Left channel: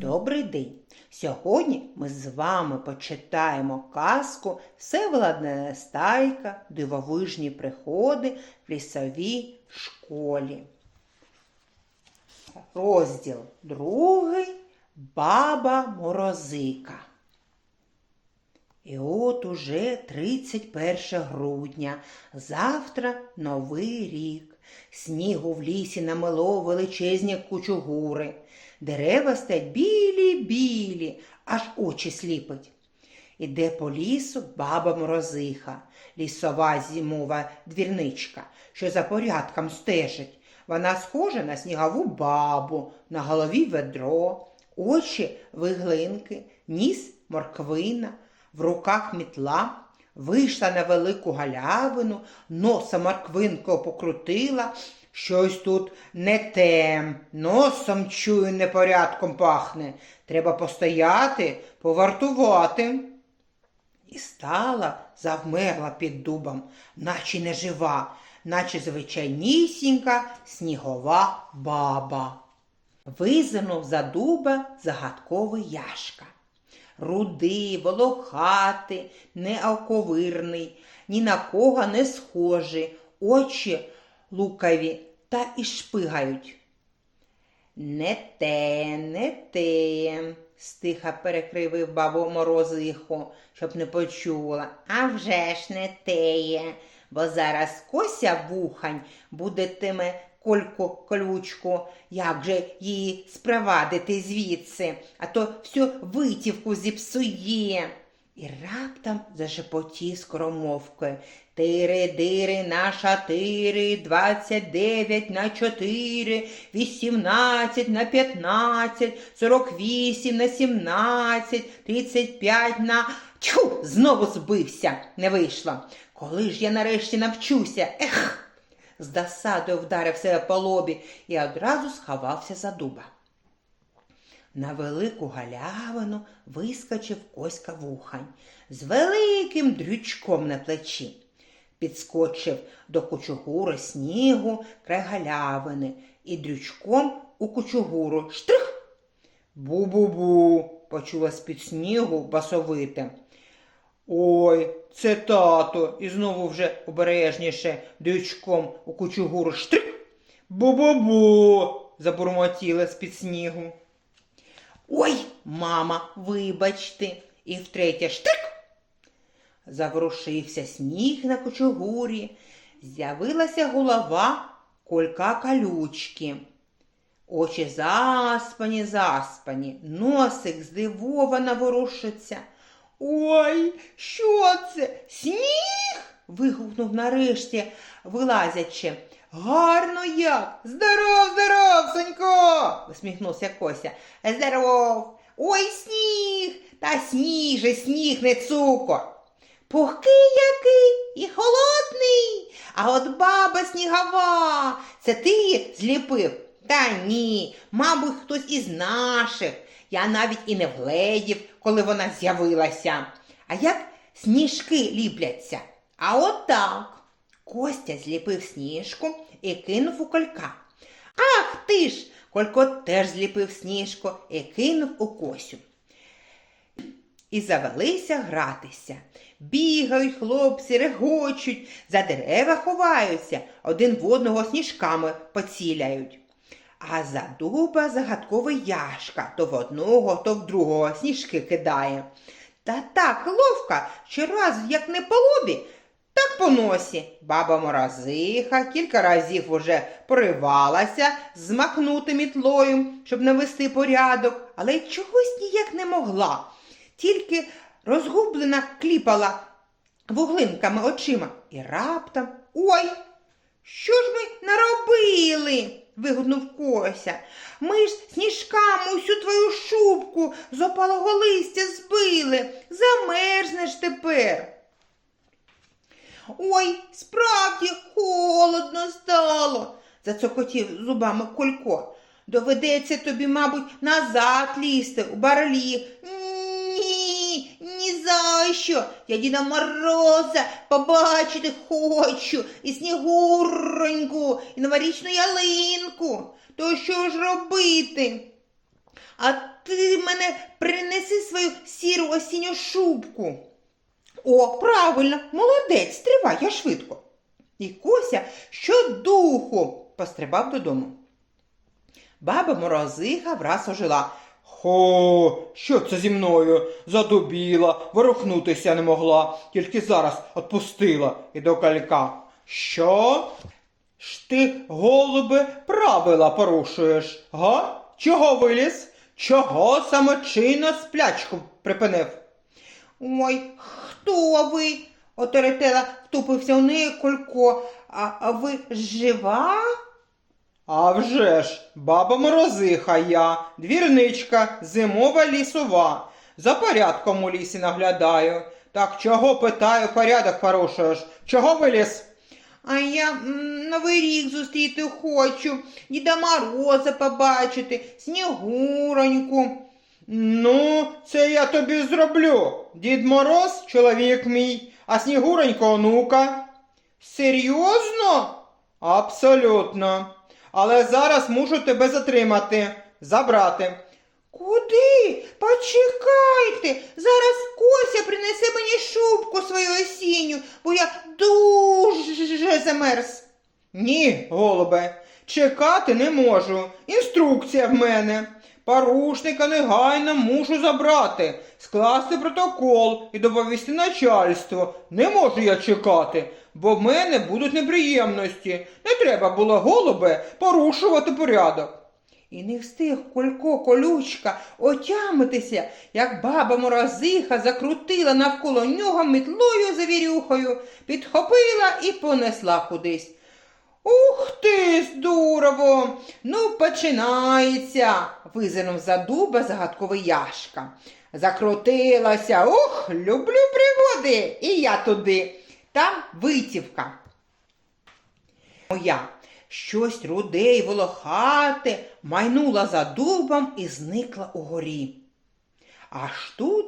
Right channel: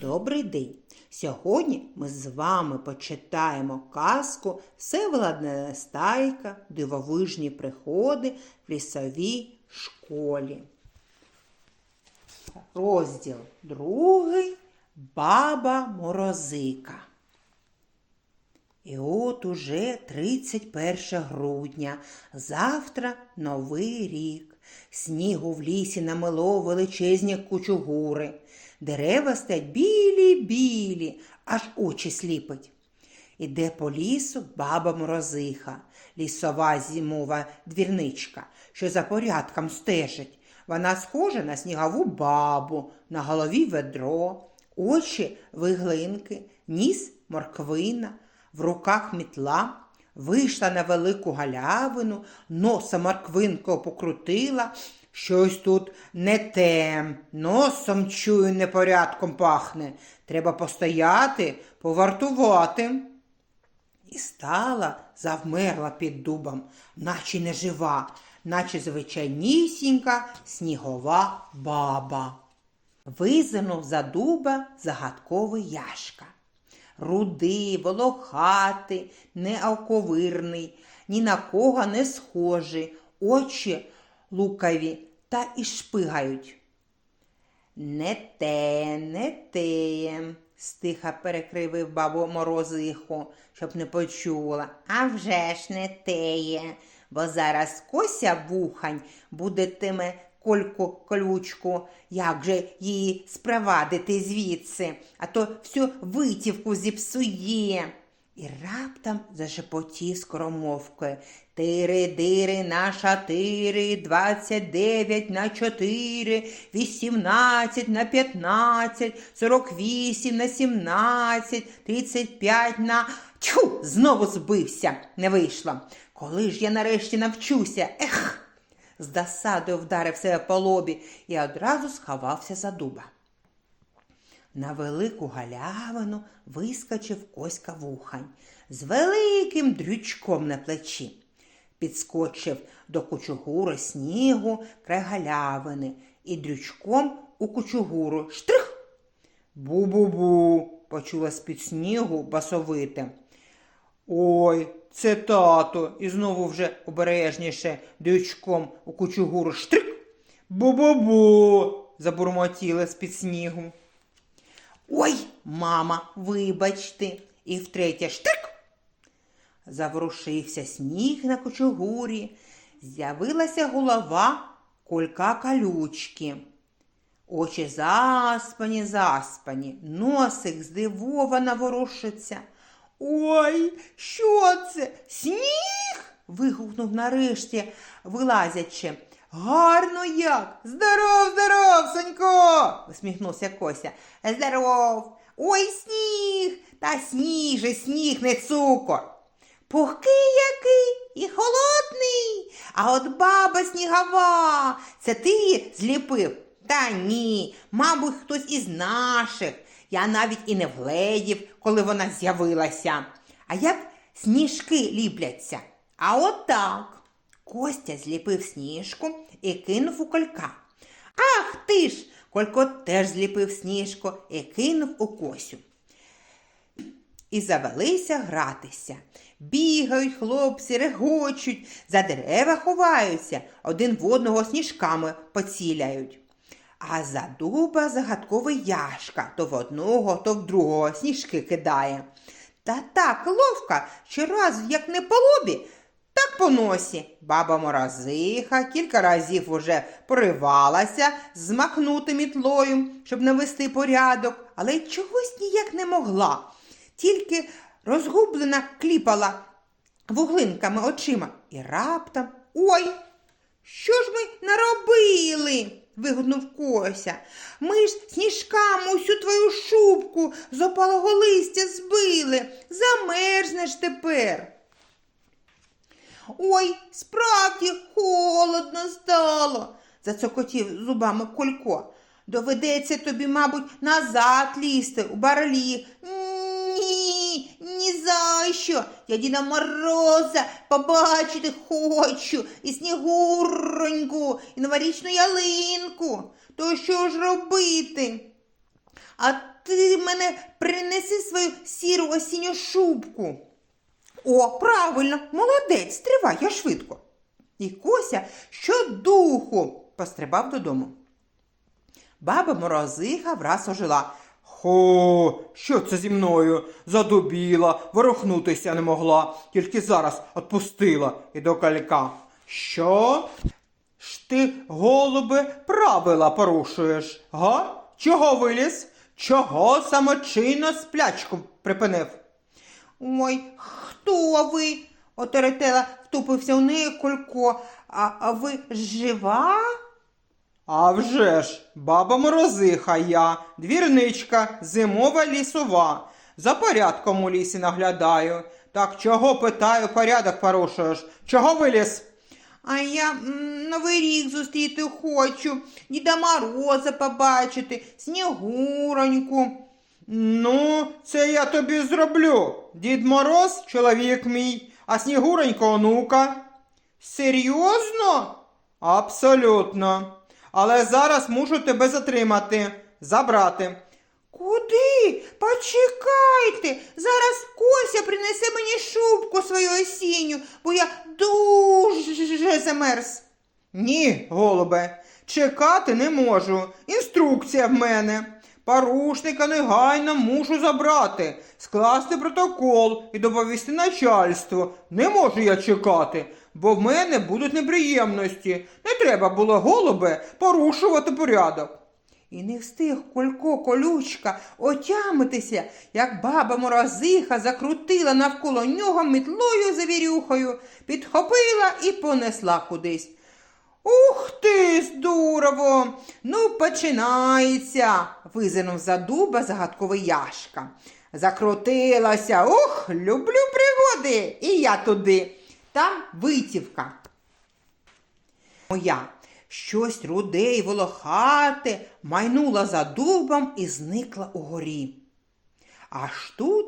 Добрий день! Сьогодні ми з вами почитаємо казку Всеволодна Нестайка, дивовижні приходи в лісовій школі. Розділ другий Баба Морозика. І от уже 31 грудня, завтра новий рік. Снігу в лісі намело величезні кучугури. Дерева стоять білі-білі, аж очі сліпить. Іде по лісу баба Морозиха, лісова зимова двірничка, що за порядком стежить. Вона схожа на снігову бабу, на голові ведро, очі виглинки, ніс морквина, в руках мітла. Вийшла на велику галявину, носа морквинку покрутила. Щось тут не те, носом чую, непорядком пахне. Треба постояти, повартувати. І стала, завмерла під дубом, наче не жива, наче звичайнісінька снігова баба. Визирнув за дуба загадковий яшка. Рудий, волохатий, неоковирний, ні на кого не схожий, очі лукаві та і шпигають. Не те, не те, стиха перекривив бабу морозиху, щоб не почула. А вже ж не теє, бо зараз кося вухань будетиме кольку колючку, як же її спровадити звідси, а то всю витівку зіпсує. І раптом зашепотів скоромовкою. Тири-дири на шатири, двадцять дев'ять на чотири, вісімнадцять на п'ятнадцять, сорок вісім на сімнадцять, тридцять п'ять на. Тьху, знову збився, не вийшло. Коли ж я нарешті навчуся? Ех! З досадою вдарив себе по лобі і одразу сховався за дуба. На велику галявину вискочив Коська вухань з великим дрючком на плечі. Підскочив до кучугури снігу край галявини і дрючком у кучугуру штрих. Бу-бу-бу, почула з-під снігу басовите. Ой, це тато, і знову вже обережніше дрючком у кучугуру штрих. Бу-бу-бу, забурмотіла з-під снігу. Ой, мама, вибачте, і втретє штрик. Заворушився сніг на кучугурі, з'явилася голова колька калючки. Очі заспані, заспані, носик здивовано ворушиться. Ой, що це? Сніг? вигукнув нарешті, вилазячи. Гарно як. Здоров, здоров, Сонько, усміхнувся Кося. Здоров. Ой, сніг, та сніг же, сніг, не цукор. Пухкий який і холодний, а от баба снігова, це ти зліпив? Та ні, мабуть, хтось із наших. Я навіть і не вгледів, коли вона з'явилася. А як сніжки ліпляться? А от так. Костя зліпив сніжку і кинув у колька. Ах ти ж! Колько теж зліпив сніжку і кинув у косю. І завелися гратися. Бігають хлопці, регочуть, за дерева ховаються, один в одного сніжками поціляють. А за дуба загадковий яшка то в одного, то в другого сніжки кидає. Та так ловко, що раз як не по лобі, по носі. Баба морозиха кілька разів уже поривалася змахнути мітлою, щоб навести порядок, але й чогось ніяк не могла. Тільки розгублена кліпала вуглинками очима і раптом ой, що ж ми наробили? вигукнув Кося. Ми ж сніжками усю твою шубку з опалого листя збили. Замерзнеш тепер. Ой, справді холодно стало, зацокотів зубами Колько. Доведеться тобі, мабуть, назад лізти у барлі. Ні, ні за що. Я Діда Мороза побачити хочу і снігуроньку, і новорічну ялинку. То що ж робити? А ти мене принеси свою сіру осінню шубку. О, правильно, молодець, стривай, я швидко. І Кося щодуху пострибав додому. Баба морозиха враз ожила. Хо, що це зі мною? Задубіла, ворухнутися не могла, тільки зараз отпустила і до калька. Що? Ж ти, голубе, правила порушуєш, га? Чого виліз? Чого самочинно сплячку припинив? Ой, хто ви? втупився у неї Колько. А, а ви жива? А вже ж, баба морозиха я, двірничка, зимова лісова. За порядком у лісі наглядаю. Так чого питаю, порядок порушуєш? Чого виліз? А я Новий рік зустріти хочу, Діда Мороза побачити, Снігуроньку. Ну, це я тобі зроблю. Дід Мороз чоловік мій, а Снігуронько онука. Серйозно? Абсолютно. Але зараз мушу тебе затримати, забрати. Куди? Почекайте. Зараз Кося принесе мені шубку свою осінню, бо я дуже замерз. Ні, голубе, чекати не можу. Інструкція в мене. Порушника негайно мушу забрати, скласти протокол і доповісти начальство. Не можу я чекати, бо в мене будуть неприємності. Не треба було, голубе, порушувати порядок. І не встиг Колько колючка отямитися, як баба морозиха закрутила навколо нього метлою завірюхою, підхопила і понесла кудись. Ух ти, здорово! Ну, починається, визирнув за дуба загадковий Яшка. Закрутилася. Ух, люблю пригоди. І я туди. Там витівка. Моя. Щось руде й волохате майнула за дубом і зникла угорі. Аж тут,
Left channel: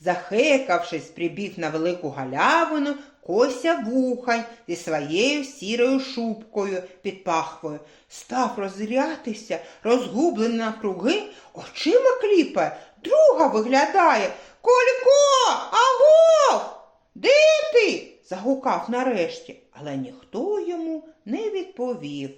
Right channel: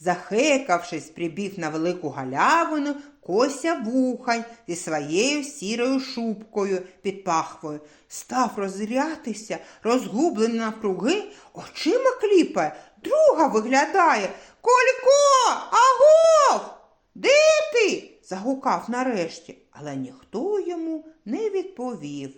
захекавшись, прибіг на велику галявину Кося вухань зі своєю сірою шубкою під пахвою, став розрятися, розгублений навкруги, очима кліпає, друга виглядає. Колько, агов! Де ти? загукав нарешті, але ніхто йому не відповів.